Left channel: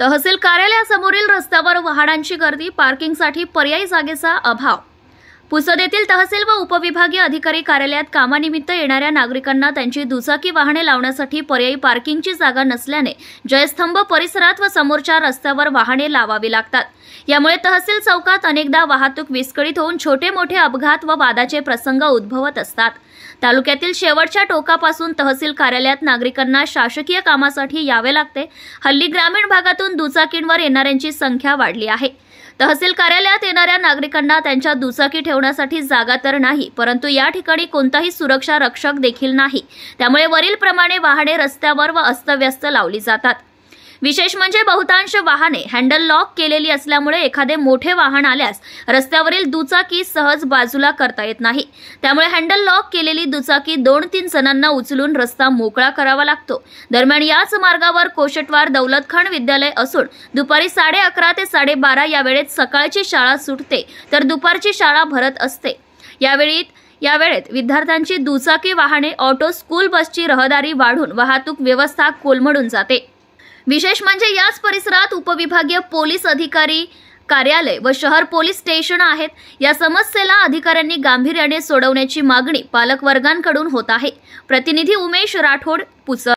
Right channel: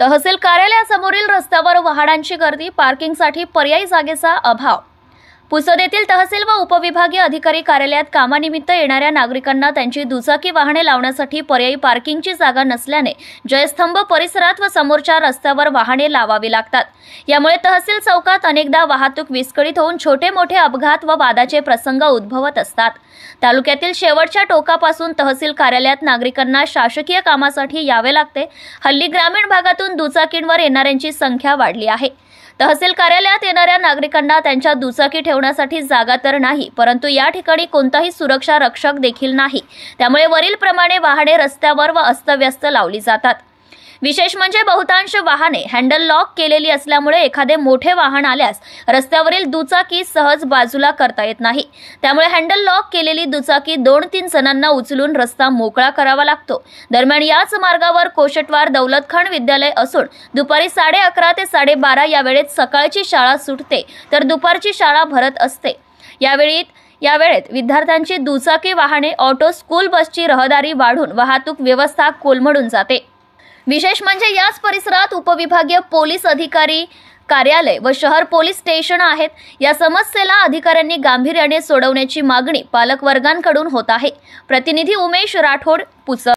तहसील कार्यालयासमोरील रस्त्यावर वाहनांची गर्दी, पार्किंगसाठी पर्यायी जागेचा अभाव। पुसद येथील तहसील व उपविभागीय अधिकारी कार्यालयात कामानिमित्त येणाऱ्या नागरिकांना त्यांची दुचाकी वाहने लावण्यासाठी पर्यायी पार्किंगची जागा नसल्याने जयस्तंभ परिसरात व समोरच्या रस्त्यावर वाहने लावावी लागतात। यामुळे तहसील चौकात अनेकदा वाहतूक विस्कळीत होऊन छोटे मोठे अपघात व वादाचे प्रसंग उद्भवत असतात। तालुक्यातील शेवटच्या टोकापासून तहसील कार्यालयात नागरिकांना शासकीय कामासाठी यावे लागते। हल्ली ग्रामीण भागातून दुचाकींवर येणाऱ्यांची संख्या वाढली आहे। तहसील कार्यालयात येणाऱ्या नागरिकांना त्यांच्या दुचाकी ठेवण्यासाठी जागा तर नाही, परंतु या ठिकाणी कोणताही सुरक्षा रक्षक देखील नाही। त्यामुळे वरील प्रमाणे वाहने रस्त्यावर व अस्तव्यस्त लावली जातात। विशेष म्हणजे बहुतांश वाहने हँडल लॉक केलेली असल्यामुळे एखादे मोठे वाहन आल्यास रस्त्यावरील दुचाकी सहज बाजूला करता येत नाही। त्यामुळे हँडल लॉक केलेली दुचाकी 2-3 जणांना उचलून रस्ता मोकळा करावा लागतो। दरम्यान याच मार्गावर कोशटवार दौलत खान विद्यालय असून दुपारी 11:30 ते 12:30 या वेळेत सकाळची शाळा सुटते तर दुपारची शाळा भरत असते। या वेळेत विद्यार्थ्यांची दुचाकी वाहने, ऑटो, स्कूल बसची रहदारी वाढून वाहतूक व्यवस्था कोलमडून जाते। विशेष म्हणजे याच परिसरात उपविभागीय पोलीस अधिकारी कार्यालय व शहर पोलीस स्टेशन आहेत। या समस्येला अधिकाऱ्यांनी गांभीर्याने सोडवण्याची मागणी पालक वर्गांकडून होत आहे। प्रतिनिधी उमेश राठोड, पुसद।